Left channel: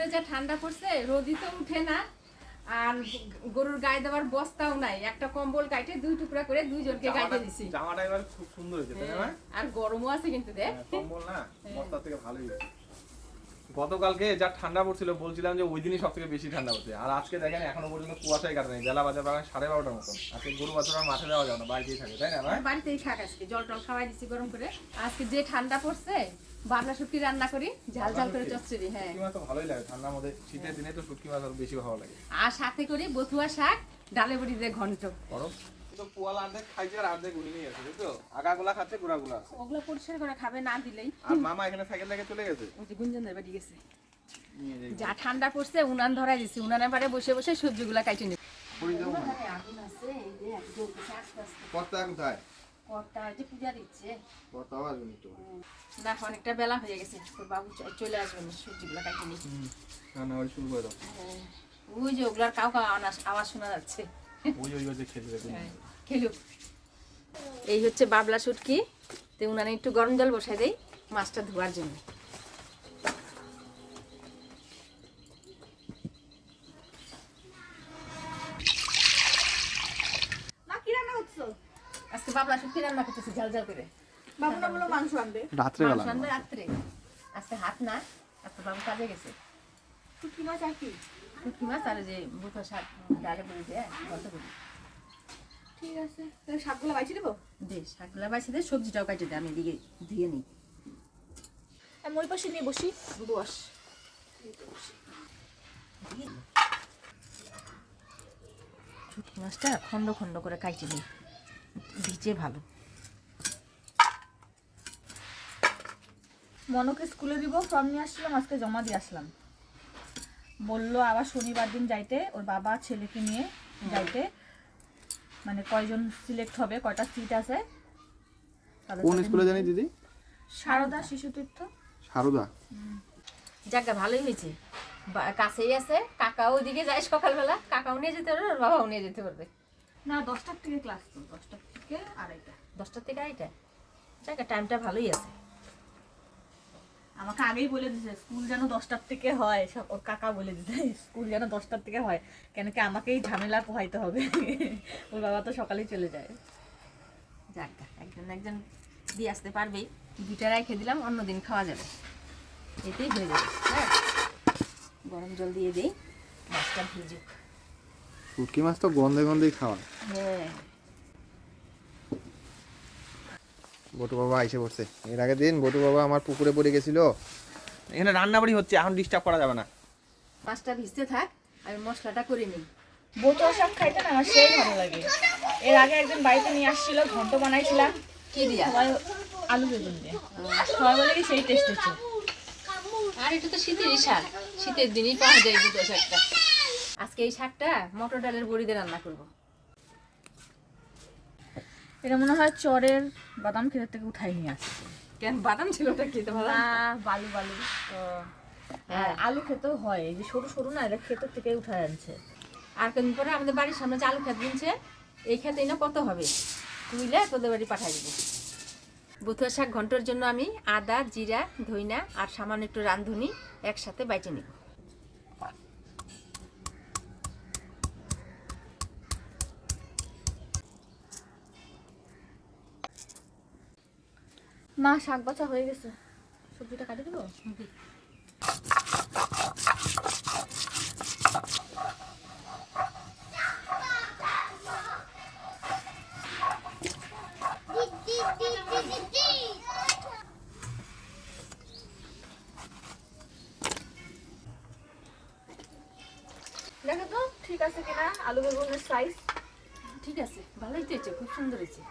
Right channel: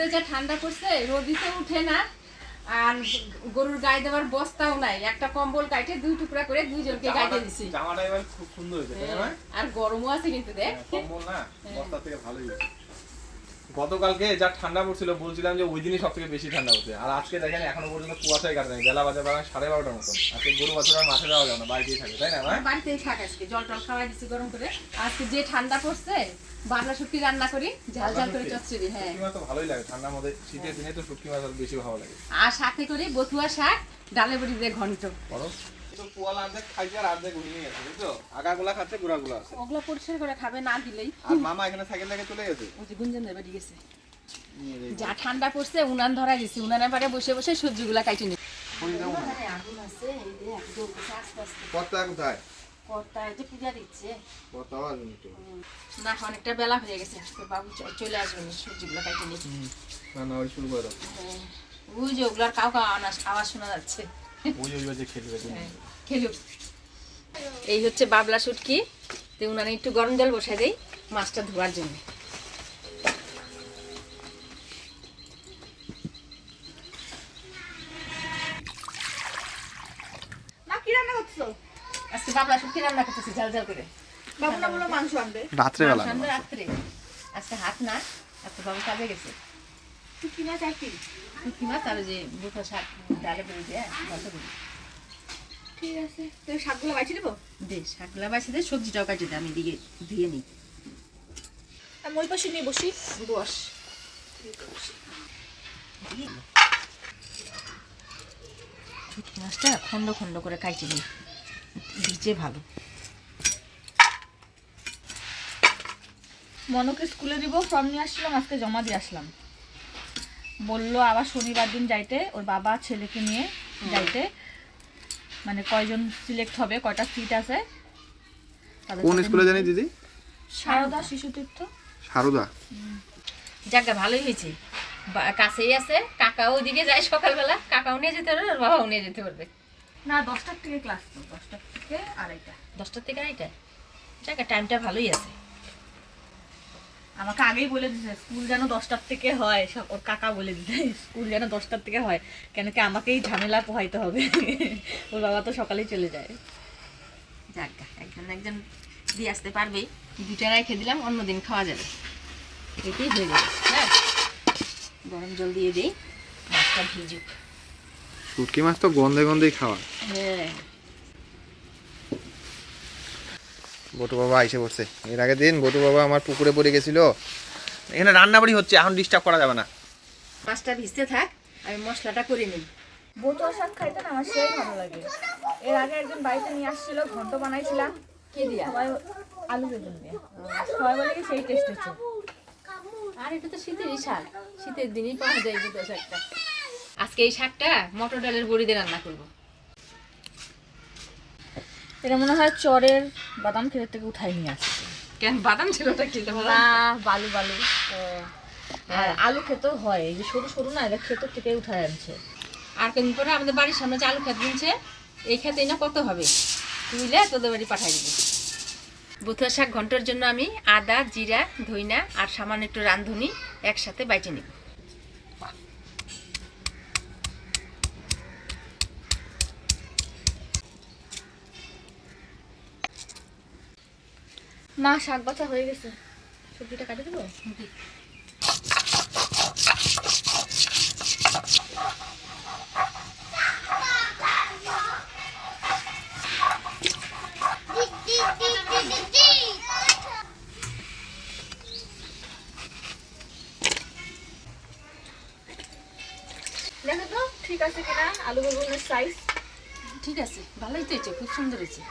ভিতরে যা ঠান্ডা পড়ছে, রোদি তো উঠে না, আর গরুর গায়ে দেওয়ার বস্তাও নাই। একটা কম্বল কাটে 2 টুকরা করে 2 জনকে গাইতে দিছি। জামাটা এবার খুব সুন্দর হয়েছে, তাই না? আর গরমও আছে কিন্তু দেখ। কম্বল না, বস্তা থেকে ভালোই হয়েছে। গতকালকে যা ঠান্ডা পড়ছিল বলছিলাম যে ওই দিনই সবথেকে বেশি ঠান্ডা হচ্ছে, আর আজকে দেখেন এখনো পর্যন্ত কুয়াশায় কাটে নাই। বেলা বাজে প্রায় 12:30টার মতন। আজকে গরু বাছুর আর মাঠে যাওয়া যাবে না, বাড়িতেই থাকে, তাই না? বাড়িতেই থাক, আজকে জল টল খাওয়াই দিচ্ছি গরম করে। আজকে যে ঠান্ডা পড়ছে, বাবলা শুটকি রান্না করি, ঝাল ঝাল করে চচ্চড়ি। হ্যাঁ, শুটকি মাছ তো ভালোই লাগে ঠান্ডার মধ্যে, শীতের দিনে তো শুটকি মাছ বেশি ভালো লাগে। আর সাথে করি বথুয়া শাক, ডালে বড়ি দিয়ে ঘন্ট। বড় তো পোয়ালা অর্ধেক খাইছে আর অর্ধেক উড়িয়ে গেছে, বুঝছো? আগাগুলা খাচ্ছে, গুড়াগুলা আছে। ওগুলা পরিষ্কার করে খাবে না দিলেই। আর মামা এখানে সাইকেল লেগে চলে গেছে, ওই যে গুঞ্জনদের বাড়ি গেছে। যা ঠান্ডা পড়ছে উনান ধরা দিছি, উনানের পারে বসে বসে সবজিগুলা কাটে নি। আগুন আছে, এই যে একদম আস্তে আস্তে। কর্তা কোথায়? কর্তা এই যে পূজা দিচ্ছে। কর্তাও আসবেনি তো না, অনেকটা বেলা হয়ে গেছে, তো বাবু চলে আসবেন সবজিগুলা কাটে নি। রান্না বাড়ি শুরু করে দাও। ওই যে ওগুলার কাউ কাউ আওয়াজ শোনা যাচ্ছে। ওই বাজে খেলবে, খেলুক। এই হচ্ছে বাবলা শুটকি, তো উনানে একটু গরম জল বসাই দেই মাছটা ধোয়ার জন্য। আজকে বাবলা শুটকি রান্না করতেছি ঝাল ঝাল করে। বাবু না বলো মাংস আনবে রাত্রে বেলা। রাত্রে আজকে হাত না, আজকে বাবু কাজে গেছে। শুটকি মাছ আর কি? শুটকি মাছ আর যে বুটো শাক ডালে করে দিয়ে গল্প করি। ঠিক আছে, তুমি শাকগুলো বাইছে দেবো? দে শাকগুলা বাইছে দে, সবজিটাও কাটে দে, আমি দিকে ধুয়ে নিই। আমি ওই পাশে নিয়ে বসি। বস। শুটকি মাছটা খন্ড খন্ড করে কাটে নিই, ভিজে ভালো। মনকে স্কুলে দিব, ফর্ম নিয়ে আসছিলাম, আজকে জমা দিয়ে আসলাম। বললো আবার শনিবার দিন যাইতে, ওর বাবা ছেলেকে নিয়ে যাইতে। মানে কয়জন সিলেক্ট হবে, কয়টা সিট আছে। কোন স্কুলে জানি দিদি? সারদা শিশু তীর্থ। সারদা। জায়গা ভালোই হয়েছে, কাছেই আছে। কাকাও ওইদিকে যায় সকালবেলা, কাকাও নিয়ে যেতে পারবে, ওর বাবাও নিয়ে যেতে পারবে। না 10টার থেকে ক্লাস, তো 10টার থেকে 2:30। 10টার থেকে 2:30? জায়গা টাইমটা ভালোই আছে। আমাকে আগেই বলে দিছে স্কুল যেন 10টার থেকে হয়, সব ওর কাকা বলে দিছে স্কুল যেন 10টার থেকে হয়, কেন কি আমাকেই ঝামেলা পোহাইতে হবে। ওর বাবা তো সকালেই চলে যায়। জায়গা একজন একজন দিয়ে আসতে পারবেই, 2টা রেখে দিলাম, অন্যদিন খাওয়া যাবে, এটাই হয়ে যাবে। হ্যাঁ, গরম জল দিয়ে দিই, মাছটা ভিজুক। শুটকি মাছ তো গন্ধে গন্ধেই খাওয়া। হ্যাঁ, বটু বাবা এসে পড়ছে। এর আগের দিন বটু বাবা আমার পুকুরে পড়ে গেছিল। এখানে রান্নাবাড়ি হচ্ছে, এখন ডিস্টার্ব করা যাবে না। মাছটা ভিজতে থাক, আমি মশলাটা করে নিই। বটুয়া শাক খাইতে না আমার সেই ভালো লাগে। এর আগে একজন বাড়িতে নিয়ে আসছিল, ঘন্ট বানাইছিলাম। কি দিয়া? সবাই আলু বেগুন দিয়ে, সবাই বলে কি সেই টেস্ট হচ্ছে। আর এটা তো শীতেরই শাক, শীতের দিনই পাওয়া যায় দুটো শাকটা। আজকে এই শাকটা মটর ডালের বড়ি দিয়ে রান্না করবো। এটা মনে হয় চরের বাদাম ক্ষেত থেকে উঠাই নিয়ে আসছে। কেন বাদাম ছিল ওটা খেতে ভালো? না, বালু বালু। হ্যাঁ, আলু খেতেও হয়, এই যে সরু সরু না, এটা ক্ষেত থেকে উঠাই আনছে। আর কদিন পরে আমাদের বাড়ির সামনে যে আলু খেত কিনছে, এই খেতেই না কত হবে, তুইলে তোদের বাড়ি পাঠাই দিব। বথুয়া শাক ঘন্টার জন্য আমি আদা, জিরা, ধইনা আর সামান্য একটু রাঁধুনি একসাথে বাইটে নিব। মা শাক বাছা হয়ে গেছে, সবজিটা কাটে দেবো। দেখো তো ঠিক আছে কিনা আলু বেগুনের সাইজ। ঠিক আছে, ভালোই তো হয়েছে, খুব সুন্দর হয়েছে।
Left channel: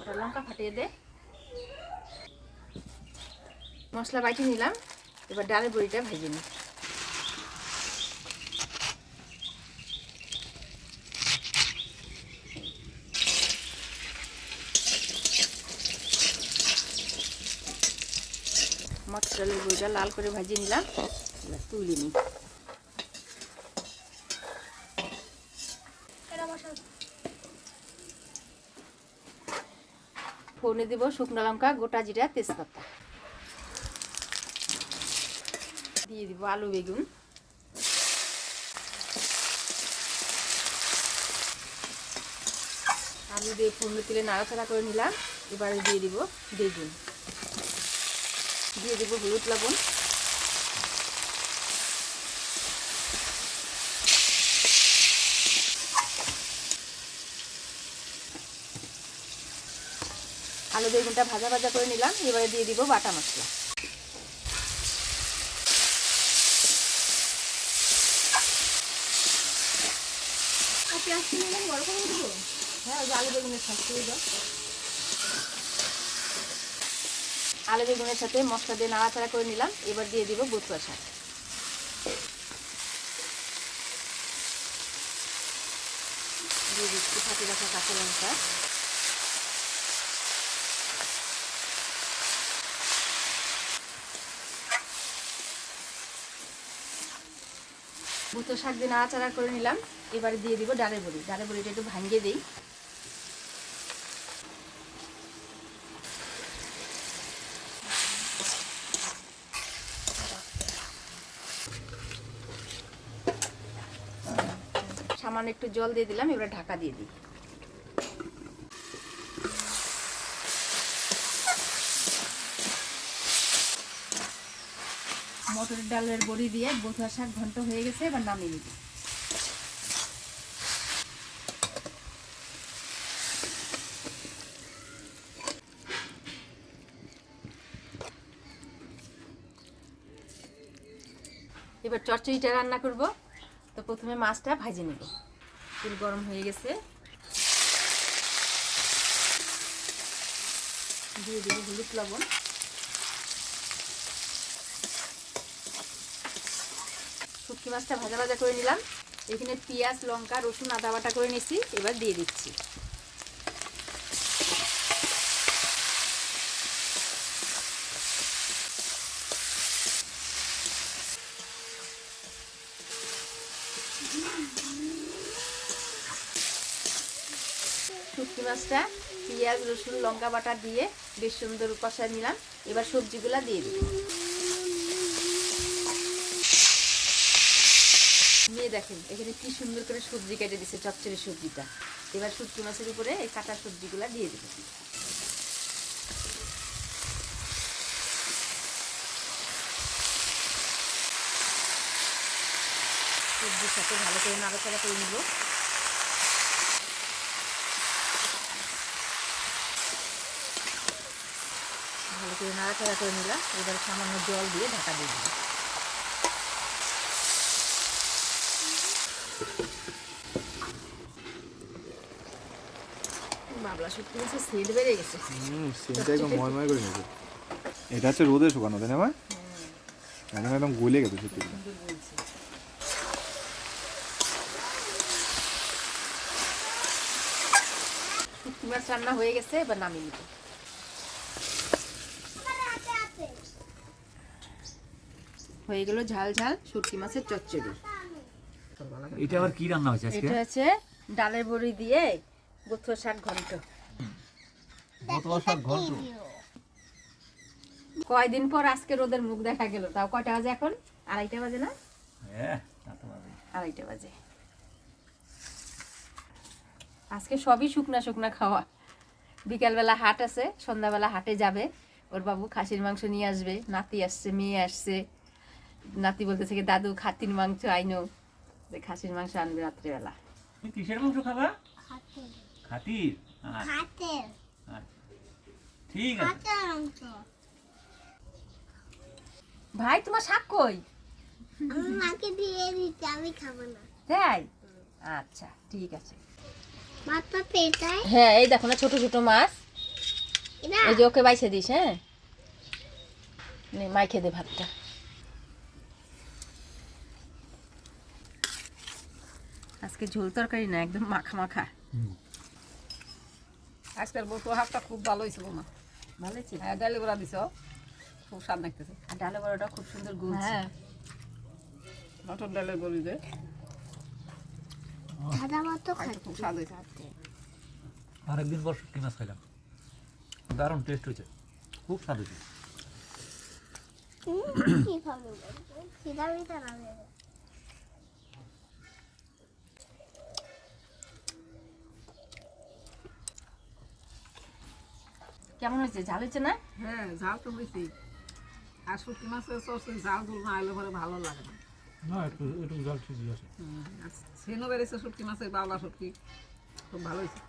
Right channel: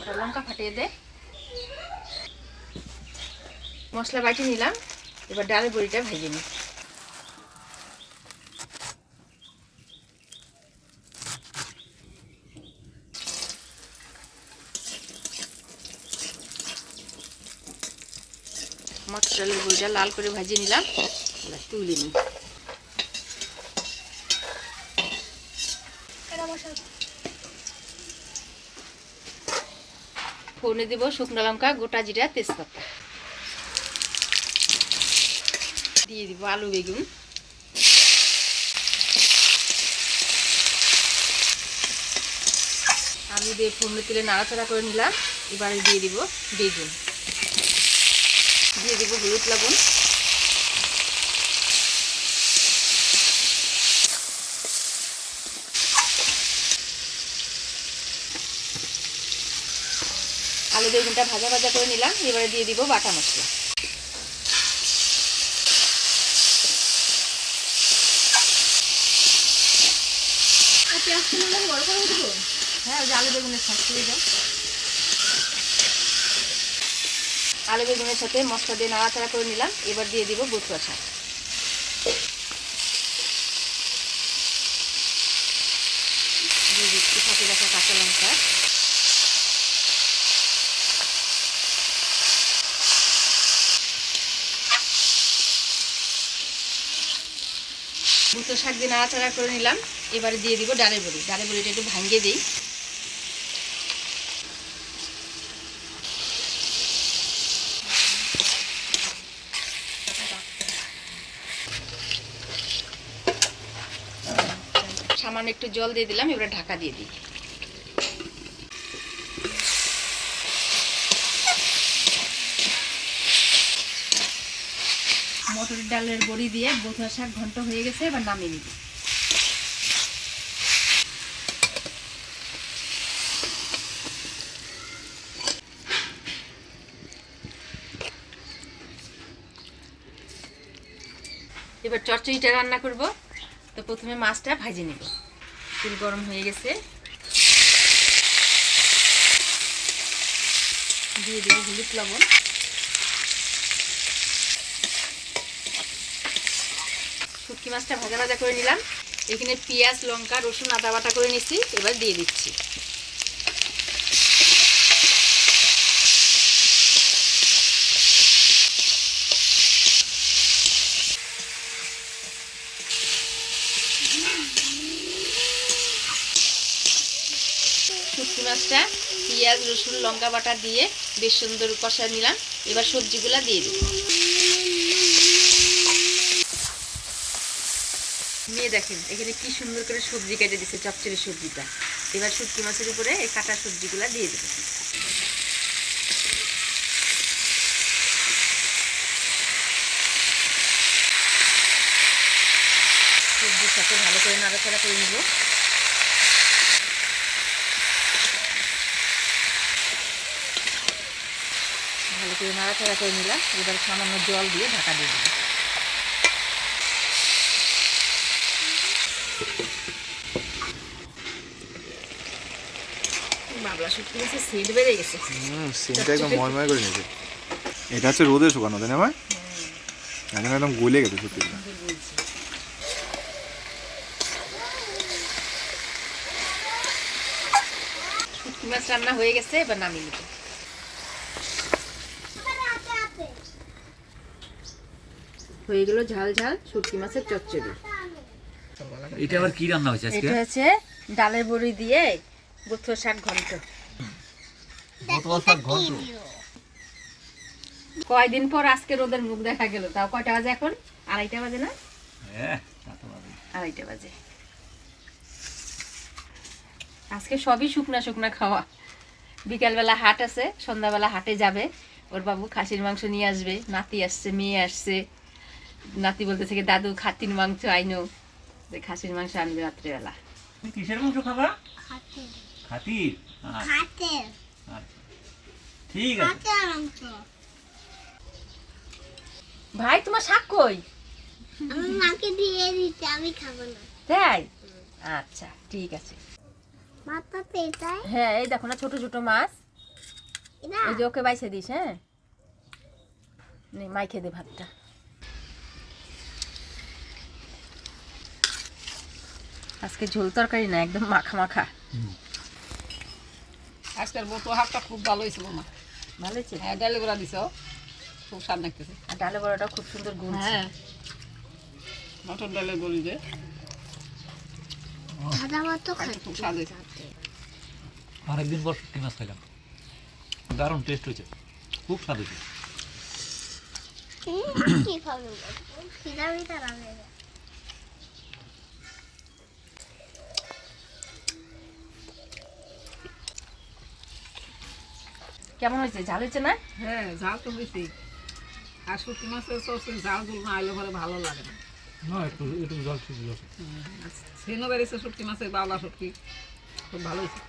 ওটা লঙ্কা ফাটিয়ে দে। মশলা বাইটে নিলাম, এবার ডালের বড়িটা ভেজে নিই। মটর ডালের বড়িটা লাল করে ভেজে নিলাম, এবার তুলে নিই। ফোড়নে দেব শুকনো লঙ্কা, গোটা জিরা, তেজপাতা। দিয়ে দিব আলু বেগুন, আলু দিয়ে ফুললে তুলে নাড়াচাড়া করে নিলাম। এবারে দিয়ে দিব বেগুন, দিয়ে দিব হলুদ লবণ, আলু বেগুনটা ভাজা ভাজা করে নিলাম। এবারে দিয়ে দিব বাটা মশলা, হ্যাঁ ওই যে আলু বেগুনের সাথে আলু বেগুনের সাথে মশলা দিয়ে নাড়াচাড়া করে নিলাম। এবার দিয়ে দিব বথুয়া শাক, দিয়ে দিচ্ছি ফাঁকি রাখা কাঁচা লঙ্কা, বথুয়া শাক দিয়ে নাড়াচাড়া করে নিলাম। এবারে দিয়ে দিব ডালের বড়ি, ডালের বড়িটা একটু ভাঙিয়ে দিই। সামান্য একটু জল দিয়ে দিলাম। এবারে ঢাকা দিয়ে দিই। মটরের ডালের বড়ি দিয়ে বথুয়া শাক ঘন্ট হয়ে গেছে। এবার নামিয়ে নিব। এবার চচ্চড়িটা রান্না করব। তো প্রথমে মাছটা ভাজে নেব। তেল গরম হয়ে গেছে, দিয়ে দেব হলুদ লবণ, শুটকি মাছটা ভাজা ভাজা করে নিলাম। এখানে পেঁয়াজ লঙ্কা রসুন আদা বাটা করে নিচ্ছি। এবার দিয়ে দিচ্ছি। শুটকি মাছটা পেঁয়াজ রসুন লঙ্কা বাটা দিয়ে বেশ সুন্দর কষা নিলাম। এবার সবজিগুলা দিয়ে দেব। নিয়ে দেখেন এখানে কি সুন্দর করে সবজি কেটে দিচ্ছে, চচ্চড়ি সবজিটা। এবার শুটকি মাছের উপরে এই কাটা সবজিগুলা দিয়ে দেব। সবজির সাথে ভালো করে নাড়াচাড়া করে নিব। ভালো করে নাড়াচাড়া করে নিলাম। এবার সামান্য জল দিয়ে ঢাকা দিয়ে দিলাম। বাবলা শুটকি মাছের সেন্ট বেড়ে গেছে। সেন্টটা একদম ময়ময় করে নিয়েছে। এটা হচ্ছে রোদে শুকানো, তাই না ভাই? এখন একদম গলে গেছে শুটকিটা। শুটকি মাছ রান্না হয়ে গেছে। এবার নামিয়ে নিব। হয়ে গেল ঝাল ঝাল শুটকি মাছের চচ্চড়ি। এটা আবার কি রান্না হয়েছে আজকে? এটা হচ্ছে ডালের বড়ি দিয়ে বথুয়া শাক ঘন্ট। বথুয়া শাক ঘন্ট। কয়দিন পর আজকে রোদের মুখ দেখা গেল। তাও কয়টা বাজে এখন? 2:30 বাজে না? হ্যাঁ তা তো বাজে। 2:30 বাজে। আজকে সবই শুকনা শুকনা খাওয়া। বিকালবেলা হাট আছে, সন্ধ্যাবেলা হাটে যাবে। ওর বাবু খাসির মাংস নিয়ে আসবে। নাতি আসছে, মেয়ে আসছে। নাতি বলতেছে কি দাদু খাসির মাংস আইনো, যে খাসির মাংস আনবে রাত্রেবেলা। তুমি কিসের মাংস খাবা? খাতির। ঠিক আছে। ভাই তোমার শাক কই? আমার মাকে দিয়ে দিতে, আমি খাবো না। তাই? আচ্ছা ঠিক আছে। মাছটা পেটাই হ্যাঁ এই দেখো না ছোট ছোট মাছ। এটা এই যে ওকে বাইছে দিস। হ্যাঁ নে মাই খেয়ে দে ভাতটা। আজকে ঝোল তরকারি না, একদম মাখা মাখা। আজকের বথুয়া শাকটা খুব ভালো হয়েছিল মা। ভালো হয়েছে? হ্যাঁ ডালে গোড়া দিছ, খুব স্বাদ লাগতেছে। আর ডালে বড়াটা খুব সুন্দর গুলছে। হ্যাঁ মটর ডালের গলি যে সাদা মতো খাইতে খুব স্বাদ হয়েছে। আরেকদিন পর শুটকি মাছ খাইলাম, দারুণ টেস্ট হয়েছে, খুব স্বাদ হয়েছে। কি খাবো? খিদা মিদা লাগে না। কেমন হয়েছে, ঝাল হয়েছে না? হ্যাঁ ঝাল তো হয়েছে। আর শুটকি মাছের সরষে ঝাল ঝুল না আইলে পরে ভালো লাগে না। না একটু একটু জল ঠিক আছে। সেনও বেড়েছে শুটকি মাছের, বাবলা শুটকি খুব ভালো হয়েছে।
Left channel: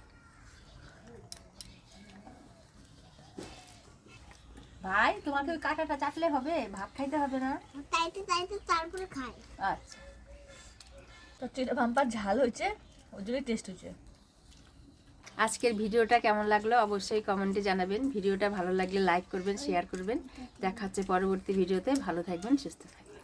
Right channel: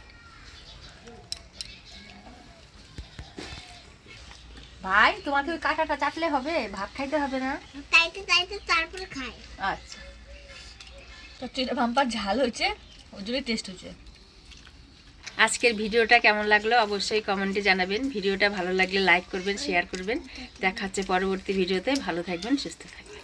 ভাই তোমাকে ওই কাঁটাটা চাটলে হবে, ভাত খাইতে হবে না? তাইতে তাইতে তারপরে খাই। আচ্ছা, তো চিড়া ভাম্পার ঝাল হয়েছে, ওই জন্যই টেস্ট হয়েছে। আজকের ভিডিওটা কেমন লাগলো অবশ্যই কমেন্টে জানাবেন। ভিডিওটা ভালো লাগলে লাইক করবেন, শেয়ার করবেন। দেখা হচ্ছে পরবর্তী ভিডিওতে। ভালো থাকবেন, সুস্থ থাকবেন।